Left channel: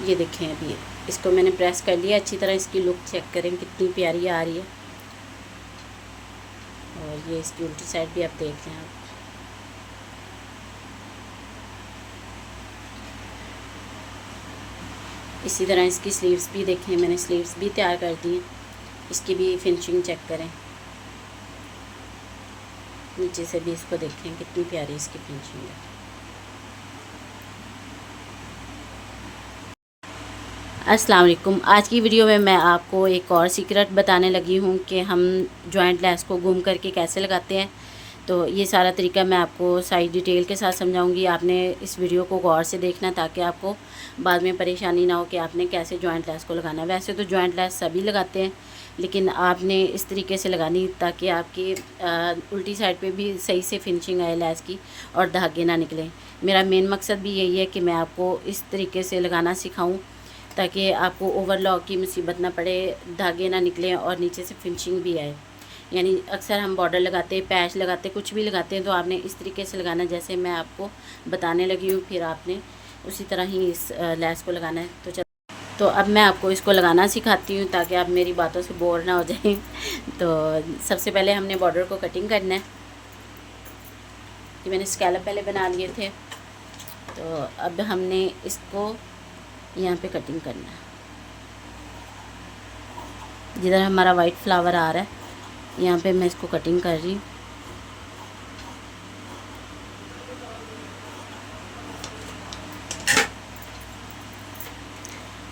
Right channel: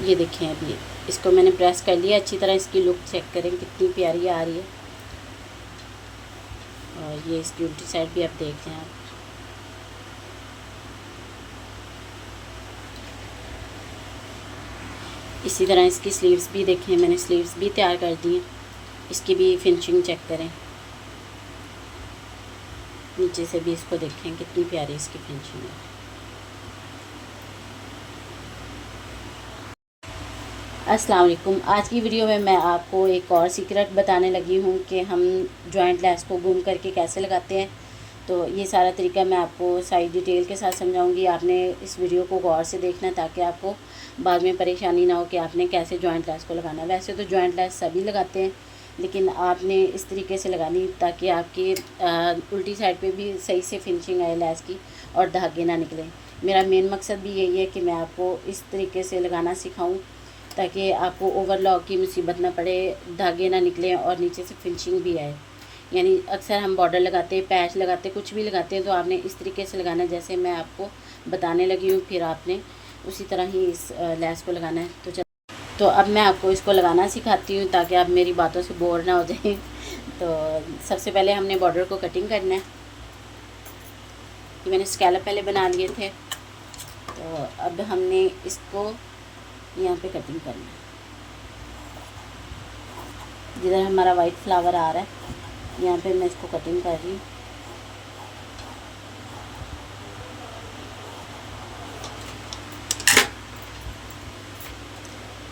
ये देखें, अभी इसको मैंने प्रेस कर लिया अच्छी तरह। इसकी लुक चेक करें कितनी प्यारी आ रही है। और ये इसकी उल्टी साइड भी आप देख लें। आप इसी तरह इसकी स्लीव्स भी देखें, मैंने स्लीव्स भी तैयार कर दी हैं। इसकी भी फिनिशिंग चेक करें, नीचे से भी इसको देखें कितनी प्यारी इसकी फिनिशिंग है। अस्सलाम वालेकुम। आज की वीडियो में मैं आपको एक और सीक्रेट बताने लगी हूँ कि हम जॉइंट लेस को गुम करके कैसे लगाते हैं। तो ये सारा तरीका मैं आपको सारी डिटेल के साथ समझाऊंगी। आपने इस वीडियो को गौर से देखना ताकि आपको बाद में परेशानी ना हो कि आपने कैसे जॉइंट लेस को लगाना है। वैसे तो जॉइंट लेस सभी लगाते हैं, लेकिन आपने इस तरीके से लगानी ताकि आपकी उल्टी साइड पे भी सही से फिनिशिंग आए लेस की और धागे ना निकले। मेरा मेन मकसद भी यही है कि मैं आपको इस तरीके से लगाना सिखाऊं ताकि आपको ओवरलॉक की मुसीबत ना पड़े, धागे ना निकलें और नीचे से फिनिशिंग भी आए। यानी अक्सर हम बॉर्डर लगाते हैं, पैच लगाते हैं, कुछ भी लगाते हैं, तो आपने इस तरीके से लगाना जैसे मैं आपको बताने लगी हूँ। फिर आपने उसी तरह ही इस लेस को लगाना है। तो अब मैं आपको इसको लगाना सिखाती हूँ ताकि आप मेरी बातों से बोर ना हो जाएं। तो सबसे पहले हमने बॉर्डर को कटिंग करना है। कि मैंने स्कैलप पहले बना लिए थे, तो अब हमने इसको यहाँ पे कटिंग करना है। जिधर हमारा वाइट फ्लावर आ रहा है यहाँ पे मैं इसको कटिंग कर रही हूँ।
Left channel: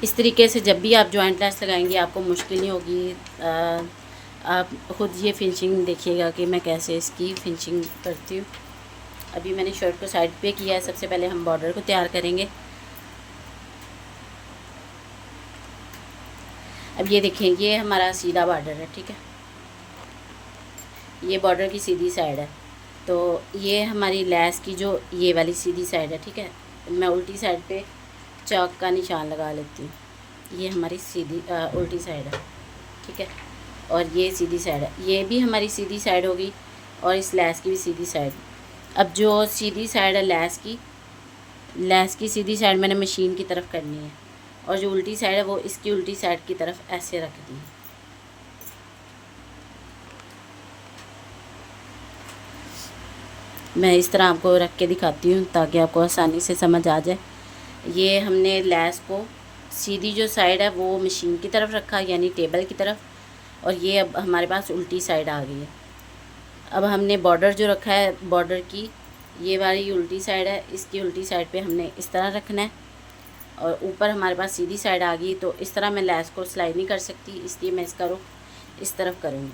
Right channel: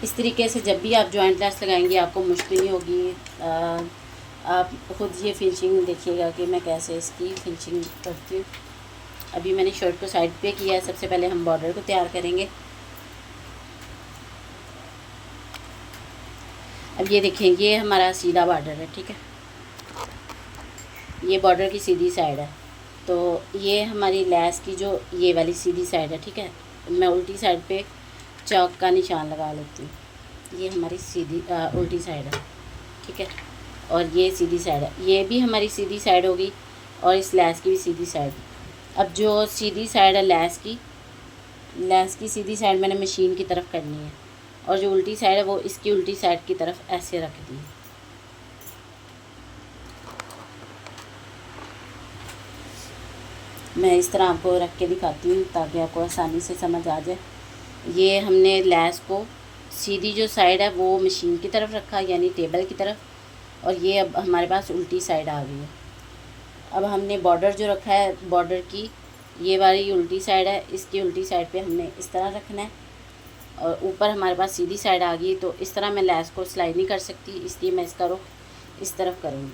इस तरीके से जब भी आप जॉइंट लेस लगाएंगे आपको मुश्किल नहीं होगी। आप खुद ये फिनिशिंग देखिएगा कि मैं कैसे इसकी फिनिशिंग करती हूँ। अभी मैंने शर्ट को साइड पे किया है। सबसे पहले हम बॉर्डर को तैयार करेंगे। अब ये देखें, ये हमारा सीधा बॉर्डर है, ठीक है। ये बॉर्डर की सीधी साइड है, तो ये हमारी लेस की जो ये वाली सीधी साइड है, ठीक है। मैं उल्टी साइड पे चौक का निशान लगा लेती हूँ। ये हमारी सीधी उल्टी साइड है, ठीक है। और ये सीधी साइड है, ये भी हमारी सीधी साइड होगी और इस लेस की भी सीधी साइड। अब जो सीधी साइड है लेस की सीधी साइड मैंने मशीन की तरफ करनी है, और जो उल्टी साइड है वो इसकी उल्टी साइड की तरफ ऐसे रख दी है। मैं इस तरह आपको रख के दिखाती हूँ ताकि आपको आसानी से समझ आ जाए। ये हमने लेस को सीधी जो साइड है वो मशीन की तरफ रखा, यानी टेबल की तरफ, और ये अब हमारे पास उल्टी साइड आ गई है। अब हमने बॉर्डर जो रखा है, बॉर्डर की ये वाली उल्टी साइड है, इसकी उल्टी साइड पे हमने इस तरह रखना है। और ऊपर हमारे पास सीधी साइड आ गई, तो इस तरह मैं लेस को सिलाई नहीं कर सकती, इसलिए मैं इसका रुख इस तरफ करूँगी।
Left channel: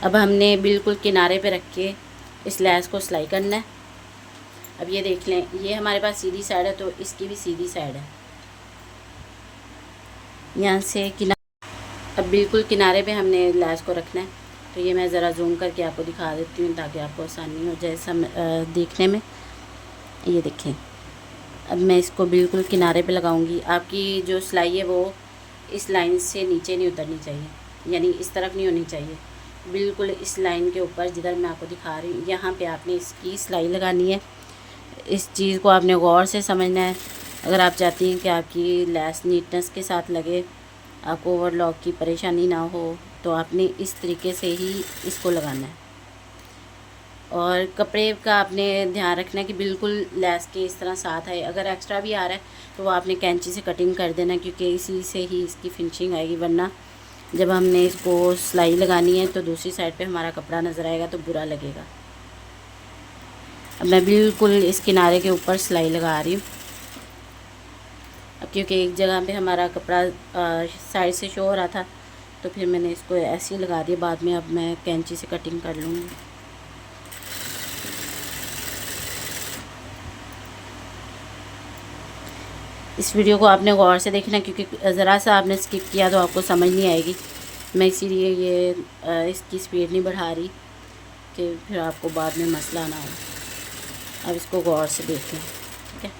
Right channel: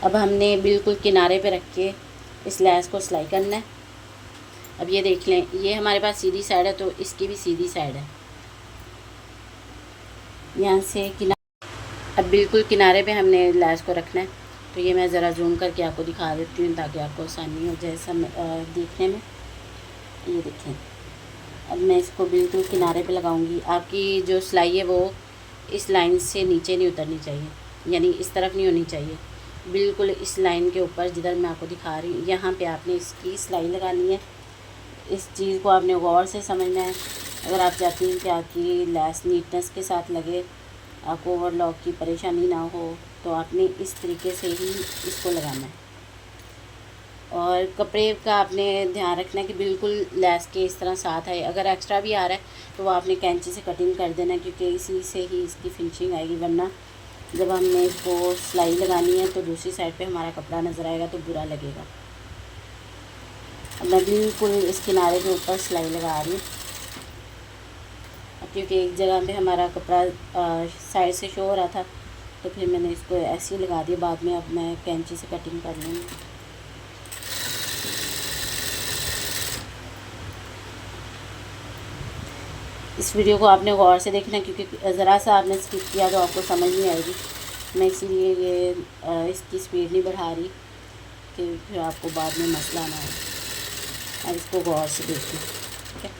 अब हमने बिल्कुल किनारे पे रख के इस लेस को सिलाई करना है। अब ये देख लें, ये हमारे पास सीधी साइड है, तो इसकी भी सीधी साइड है। यहाँ से अब बिल्कुल किनारे पे हमने लेस को रखना है। तो ये मैं ज़रा जूम करके आपको दिखा देती हूँ ताकि आपको आसानी हो जाए देखने में। ये देखें, अब मैं इसको बिल्कुल किनारे पे लगाऊंगी। आपकी जो सिलाई है वो इस लाइन से नीचे नहीं उतरनी चाहिए, यानी इस तरफ नहीं होनी चाहिए, बिल्कुल इस लाइन के ऊपर जिधर मैं आपको दिखा रही हूँ यहाँ पे आपने इसकी सिलाई लगानी है। इस चीज़ को आपने गौर से समझना है। अगर आप चाहती हैं कि आपकी लेस नीटनेस के साथ लगे, आपको ओवरलॉक की परेशानी ना हो, तो आपने इस तरीके से ही इसको लगाना है। और कपड़े का आपने ध्यान रखना है कि बिल्कुल लेस के इस तरह साथ आए। अगर एक्स्ट्रा भी आ रहा है तो वो आपने कैंची से कटिंग कर देना, क्योंकि इसी से ही इसकी फिनिशिंग आएगी। वरना जब हमने इसको सिलाई लगानी है तो दूसरी साइड पे हमारा कपड़ा नज़र आएगा तो बुरा लगेगा। अब मैं बिल्कुल इस किनारे के ऊपर सिलाई लगा रही हूँ, क्योंकि एक जगह पे हमारा कपड़ा साइड से शो हो रहा था, तो फिर मैंने इसको ऐसे ही लगा दिया। बाद में अब मैं कैंची से कटिंग कर लूँगी। इस वीडियो को आपने गौर से देखना, क्योंकि ज़रा सा आपने स्किप किया तो आपको समझ नहीं आएगी। मैं इसीलिए ये इसकी स्पीड नहीं बढ़ा रही कि फिर आपको बाद में मसला ना हो। अब इसको गौर से देखना, ठीक है।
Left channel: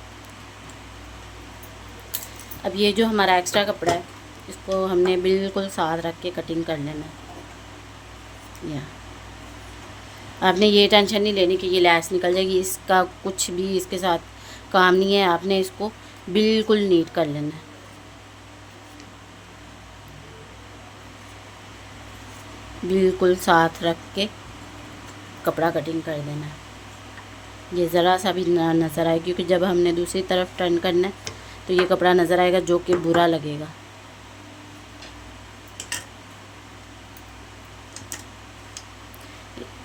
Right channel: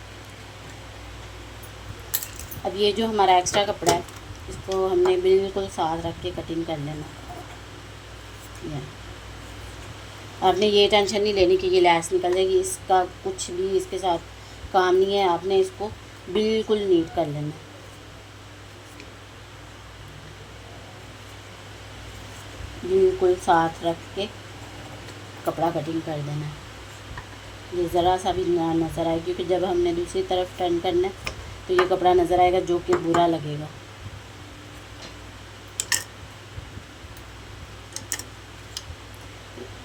अब ये जो हमारा एक्स्ट्रा कपड़ा है इसको हमने बिल्कुल साथ रख के कटिंग कर लेना है। आपने ये टेंशन नहीं लेनी कि ये लैस निकल जाएगी, इसका कुछ भी इसके साथ काम नहीं है। आपने इसको बिल्कुल नीट कर लेना है। बिल्कुल साथ रख के कपड़ा कटिंग कर देना है। ये ज़रा सा भी नज़र आए, क्योंकि जब हमने दूसरी तरफ टर्न करना है तो ये कपड़ा नज़र आएगा, जो कि बुरा लगेगा।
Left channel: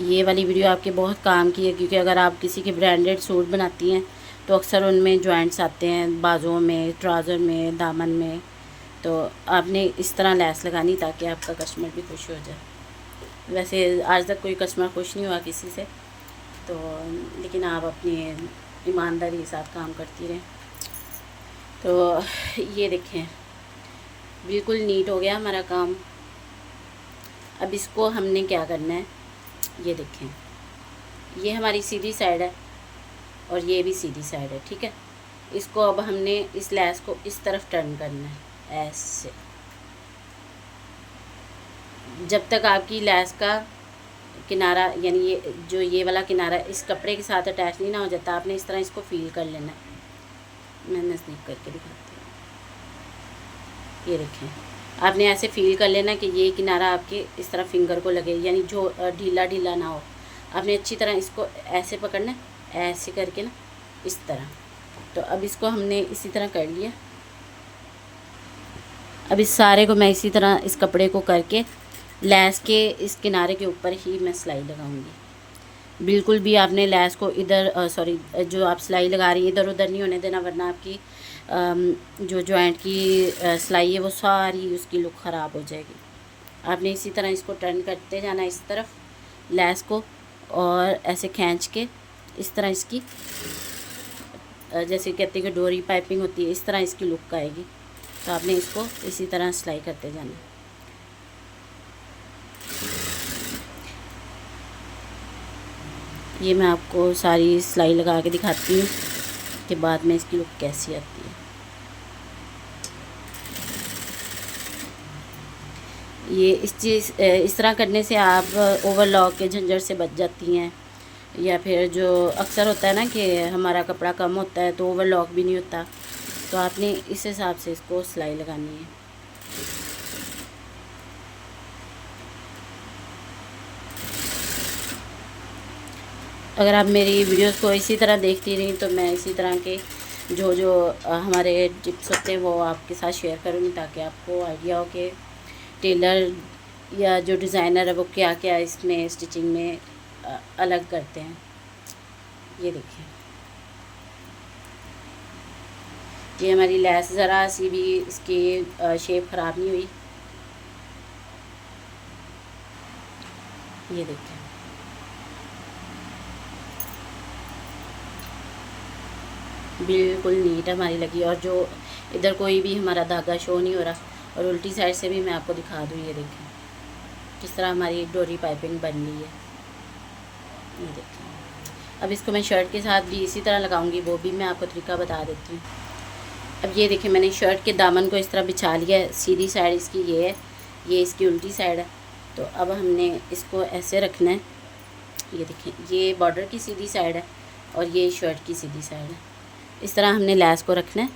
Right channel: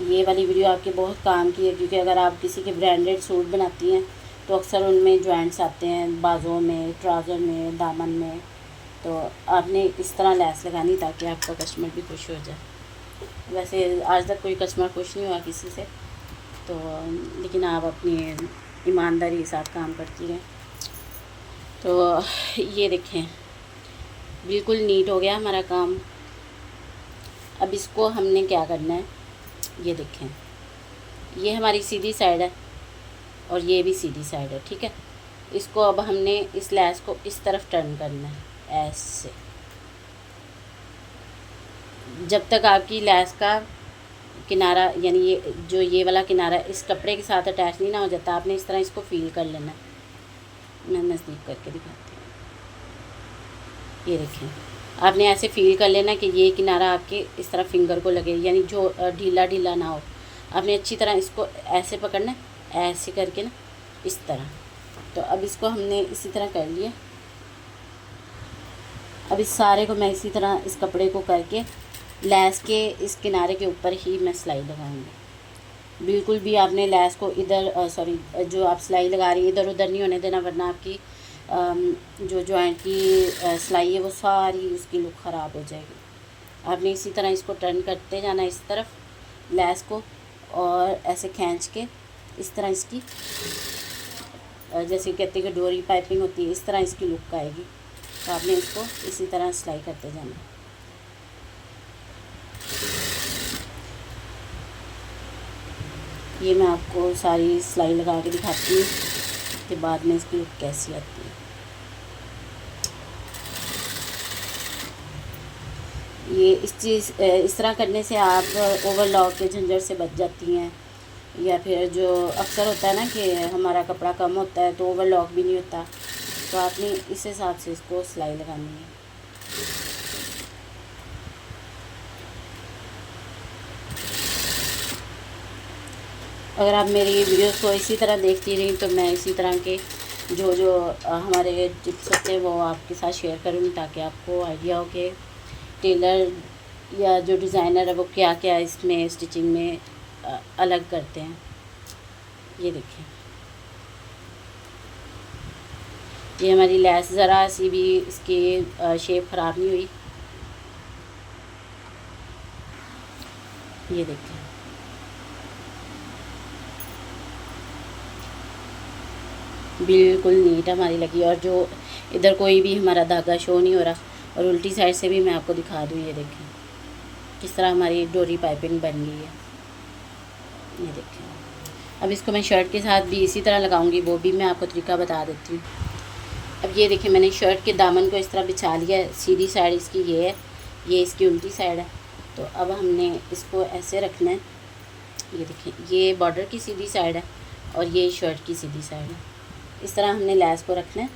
ये वाली वीडियो आपके बहुत काम की है, क्योंकि अगर आप किसी के ब्रांडेड सूट बनाती हैं तो अक्सर उनमें जॉइंट्स आते हैं, बाजुओं में, ट्राउज़र में, दामन में। तो आपने इस तरह लैस लगानी ताकि आपका कस्टमर भी खुश हो जाए। वैसे आज तक कोई कस्टमर खुश नहीं हुआ किसी से, तो लेकिन आप अपनी ईमानदारी के साथ काम करती रहें। तो ये देखें, बिल्कुल नीट हो गया हमारा काम। अब इसको हमने क्या करना है, ये देखें, ये हमारी सीधी साइड है और ये भी सीधी साइड है, ठीक है। इसको अब हमने इस लैस को इस तरफ टर्न करना है ऐसे। जब तक आपकी लैस का किनारा, यानी ये जो ये वाला किनारा इस कपड़े के साथ अटैच नहीं ना हो जाता, आपने इस तरह इसको फील कर लेना है। मैं नज़दीक करके दिखाती हूँ। ये देखें, आपने ऐसे फील कर लेना कि ये किनारा आपके इस तरह फिंगर को लगे, यानी जो ढीला ढीला ना हो। आपने अच्छी तरह इसको ऐसे पकड़ना है, ऐसे करके ना, इस तरह। तो अब इसको हमने इसी तरह कर लिया। अब इस सारे को मैं इसी तरह इस कपड़े को करके लैस के इस किनारे के ऊपर ही मैं सिलाई लगाऊंगी। बिल्कुल भी आपने लैस को इधर जो आप सिलाई लगा रही है इधर उधर नहीं होने देना, वरना आपकी जो जॉइंट की सिलाई है वो सारी उसकी लुक ख़राब हो जाएगी। आपने इसी तरह इसको टर्न करते जाना इस तरफ लैस को, और ऐसे खींच के इस तरह इसकी, जैसे कहते हैं कि डोरी पाइपिंग होती है, इस तरह इसकी लुक आएगी। तो आपने इसको इसी तरह सिलाई करते जाना। ये मैं आपको सारी सिलाई लगा के दिखाती हूँ कि बाद में इसकी लुक कैसी आती है। ये इस तरह करने से आप ओवरलॉक के झंझट से बच जाती हैं। या फिर जो अक्सर होता है ना कि हमारा कपड़ा कम होता है तो ओवरलॉक भी नहीं होता, तो आपने इस हिसाब से इसको सिलाई लगानी है। अगर आप मेरी वीडियोस को इसी तरह देखती रही तो मैं इसी तरह के जो हमारे टिप्स होते हैं वो आपके साथ शेयर करूँगी, ताकि आपको आइडिया हो कि टेलर या जो डिज़ाइनर है वो क्या क्या इसमें स्टिचिंग में अलग करते हैं। ये देखिए, ये हमारी लैस ज़रा सी भी इसकी शेप ख़राब नहीं हुई। ये देखिए, बिल्कुल नीट हमारी लगी, और जो इधर कोई भी हमारा धागा शो नहीं हो रहा। और उल्टी साइड से भी मैं आपको दिखा दूँ। ये देखिए किस तरह हमारी डोरी पाइपिंग बन रही है। ये देखिए, अब इसको मैं शर्ट के साथ भी इसी तरह लगाऊंगी, वो भी मैं आपको तरीका बता देती हूँ। अब ये देखिए, मैंने शर्ट के दामन को इस तरह बिछा लिया है। सीधी साइड इसकी ये है, ये इसकी उल्टी साइड है। तो अब हमने इसको ऐसे रखना है। ये देखिए, ये बॉर्डर की सीधी साइड है और ये शर्ट की सीधी साइड है। इस तरह हमने लैस को रखना है।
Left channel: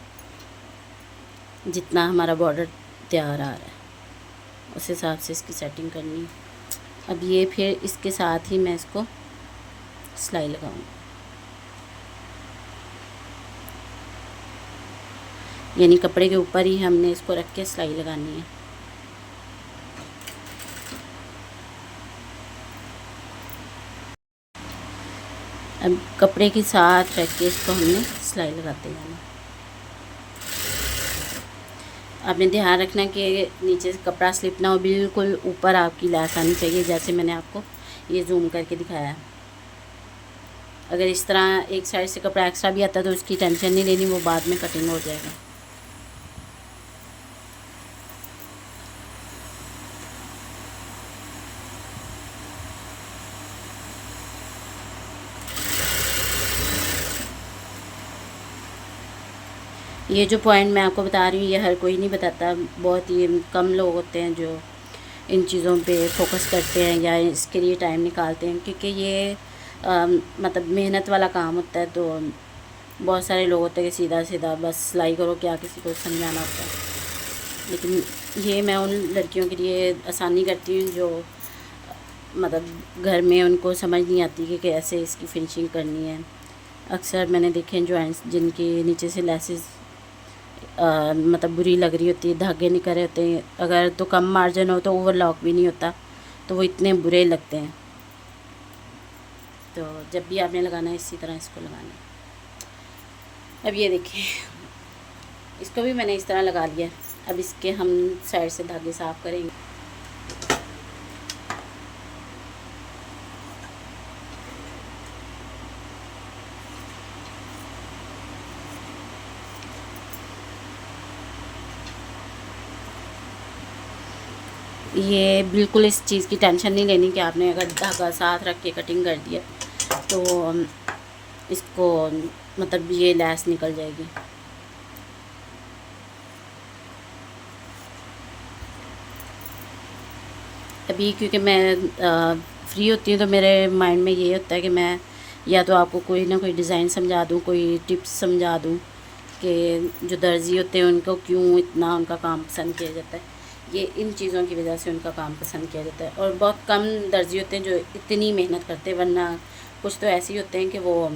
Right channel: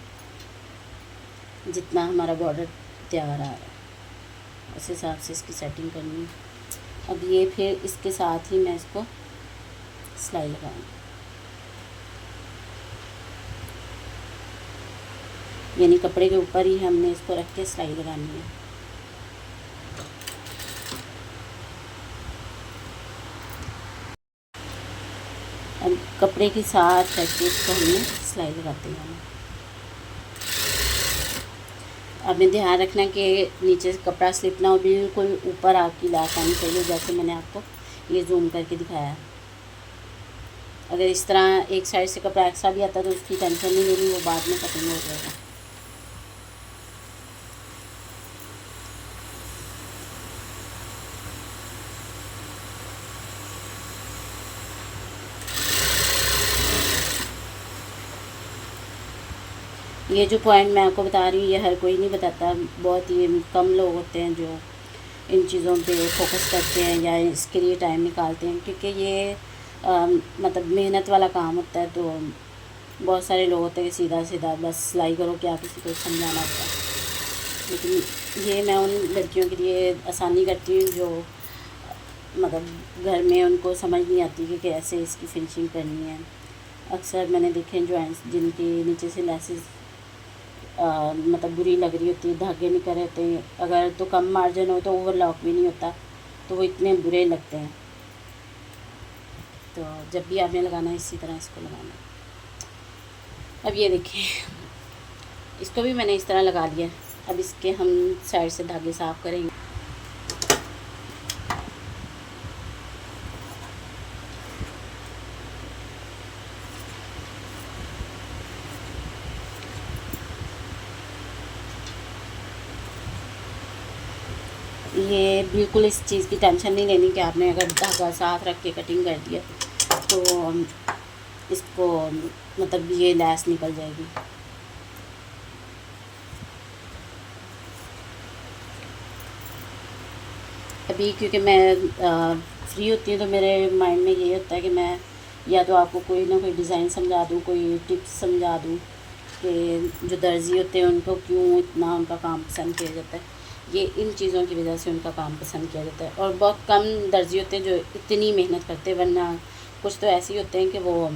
जितना हमारा बॉर्डर तैयार आ रहा है उस हिसाब से इसकी सेटिंग करनी है। अब ये फिर इसके साथ ही मैं इसको सिलाई लगाऊंगी, यानी कपड़े के ऊपर ही हमने इसको रख के सिलाई लगानी है। अब कपड़े के साथ रख के इसको हमने सिलाई लगाते जाना। आपने ध्यान रखना कि नीचे से कपड़ा स्लिप ना हो, बिल्कुल ऊपर आपकी लैस आनी चाहिए, जैसे मैंने आपको ये जूम करके दिखाया है। अगर इस तरह एक साइड से कपड़ा एक्स्ट्रा भी आता है तो उसकी टेंशन नहीं लेनी, वो बाद में कटिंग हो जाएगा। ये जो पॉइंट मैं आपको बता रही हूँ ये हर कोई नहीं बताता, बहुत ही कम लोग होते हैं जो इन चीज़ों पे फोकस करते हैं या इसके लिए टाइम निकालते हैं, क्योंकि ये मतलब मेहनत वाला काम होता है। तो बहुत सारे लोग होते हैं कि सीधा सीधा बस सिलाई करो, क्या किसी को समझाना होता है। लेकिन ये मैं उन लड़कियों के लिए आसानी करती हूँ जो मतलब घर में उनको समझ नहीं आती कि कैसे इसकी फिनिशिंग करनी है। अक्सर मैंने देखे जॉइंट्स जिनकी नीचे से लेसेस मतलब बुरी लग रही होती है, धागे निकल रहे होते हैं, अगर तो कम मार्जिन हो तो ओवरलॉक भी नहीं होता, तो वो इतने बुरे लगते हैं। तो जब भी आपने लगाना है इसी तरह इसको लगाना है। अब ये देखिए, इसको भी मैंने इस तरह लगा लिया। अब इसके हम साइड से धागे साफ़ करेंगे। ये बिल्कुल इस चीज़ की टेंशन नहीं लेनी कि आपने अगर धागा साथ रख के कटिंग कर दिया तो इसको मतलब ये लैस निकल जाएगी। अभी क्योंकि मैं फ्री होती हूँ तो मेरे माइंड में ये होता है कि मैं या तो आपको कोई ना कोई डिज़ाइन समझा दूँ, कोई टिप्स समझा दूँ कि जो दर्जी होते हैं उनको क्यों इतना उनका काम पसंद किया जाता है। ये इन चीज़ों की वजह से उनका काम पसंद किया जाता है। और बहुत कम दर्जी होते हैं जो इतनी मेहनत करते हैं, वरना कुछ तो ऐसे ही होते हैं कि वो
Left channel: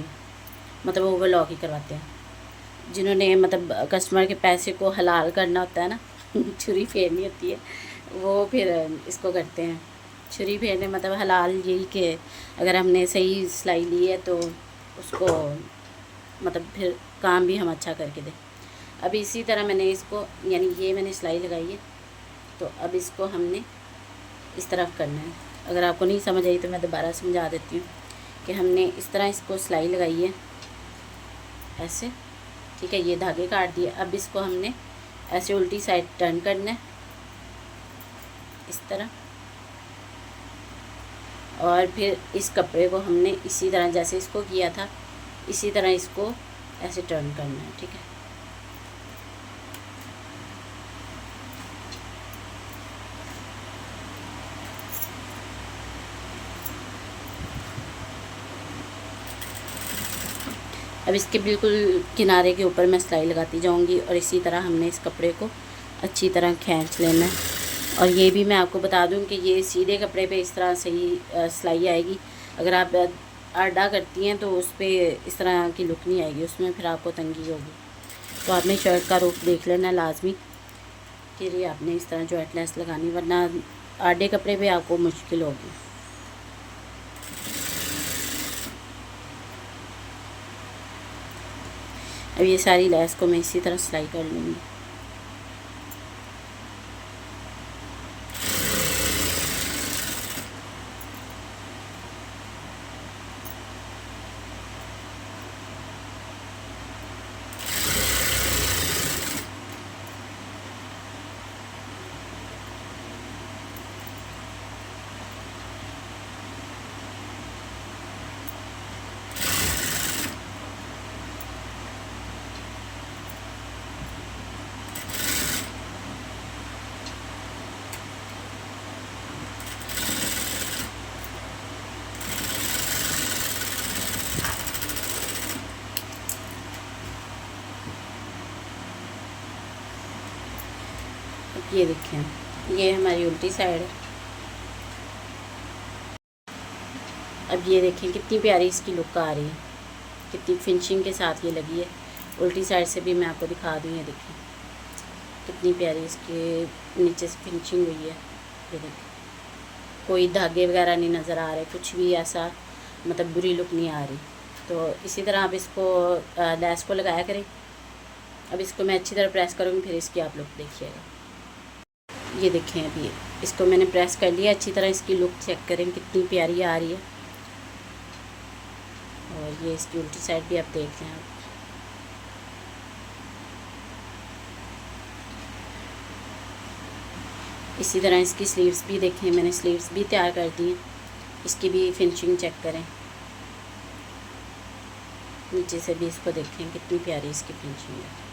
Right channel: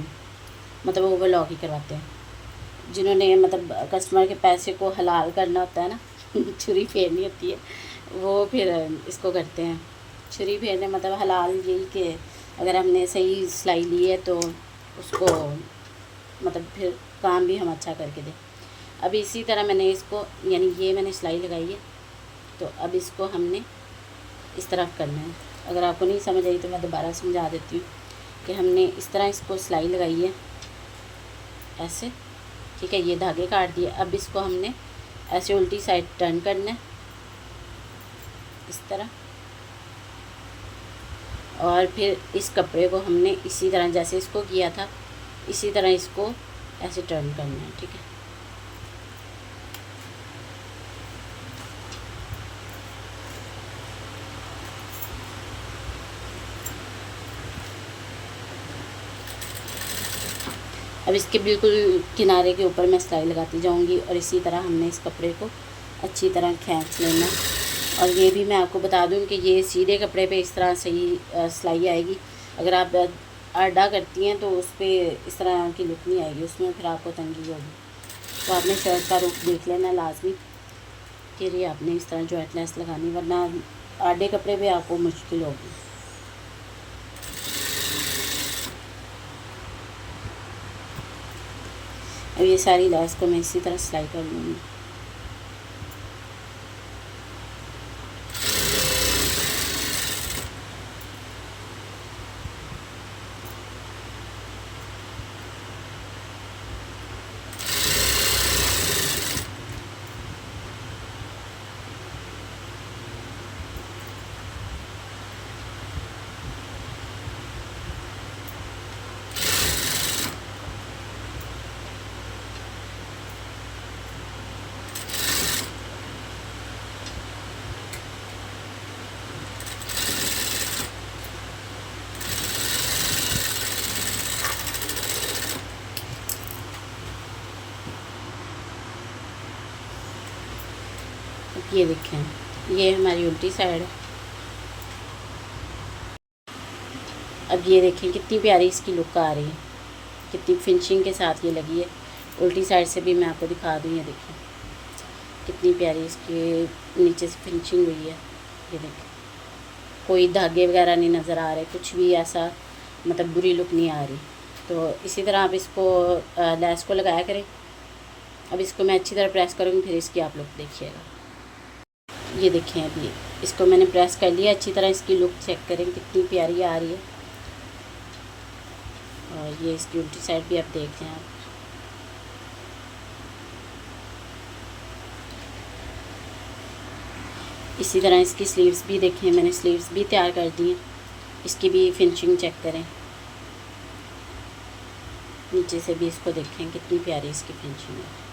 मतलब ओवरलॉक ही करवाते हैं। जिन्होंने मतलब कस्टमर के पैसे को हलाल करना होता है ना छुरी फेरनी होती है, वो फिर इसको करते हैं। छुरी फेरने मतलब हलाल यही कि अगर हमने सही सिलाई ली है तो उसको मतलब फिर काम भी हम अच्छा करके दें। अब इसी तरह मैंने इसको यानी ये मैंने सिलाई लगाई है, तो अब इसको हमने इस तरफ करना है। अगर आपको नहीं समझ आई तो मैं दोबारा समझा देती हूँ कि हमने इस तरह इसको सिलाई लगाई है ऐसे, ठीक है। ये धागे काट दिए। अब इसको हमने ऐसे उल्टी साइड टर्न करना है इस तरह, और फिर इस कपड़े को हमने इसी तरह जैसे इसको किया था इसी तरह इसको ऐसे टर्न करना है, ठीक है। अब इसके बिल्कुल किनारे के ऊपर मैं सिलाई लगाती जाऊंगी और इसी तरह हमने इस कपड़े को अच्छी तरह खींच लेना है। और ये भी मैं आपको बता दूं कि ये सीधे कपड़े पे इस तरह सही सिलाई आएगी। अगर आप आडा करती हैं तो उस पर इस तरह की लुक नहीं आएगी, उसमें फिर आपको तंगी होगी। तो आपने शर्ट का रुख देख लेना लाजमी कि ये आपने इस तरह जॉइंट लेस लगानी, वरना आडे कपड़े पे आपको मुश्किल होगी। अब ये सारी लेस को मैं इसी तरह सिलाई कर लूँगी। अब ये देखें, ये हमारी उल्टी साइड है। अब ये देखें कितनी प्यारी इसकी लुक आ रही है, कितनी फिनिशिंग के साथ ये लगी है। उल्टी साइड से भी मैं आपको दिखा दूँ, ये देखें कितनी प्यारी इसकी नीचे से फिनिशिंग हुई है। ये देखें कोई धागे वगैरह नहीं नज़र आ रहे, कुछ भी ऐसा मतलब बुरी लुक नहीं आ रही। तो इसी तरह आप इसको लेस को लगाया करें। अब इसको मैं अच्छी तरह प्रेस करूँगी, फिर इसकी आप लुक देखिएगा। ये देखें अभी इसको मैंने प्रेस कर लिया अच्छी तरह। इसकी लुक चेक करें कितनी प्यारी आ रही है। और ये इसकी उल्टी साइड भी आप देख लें आप। इसी तरह इसकी स्लीव्स भी देखें, मैंने स्लीव्स भी तैयार कर दी हैं। इसकी भी फिनिशिंग चेक करें, नीचे से भी इसको देखें कितनी प्यारी इसकी फिनिशिंग है।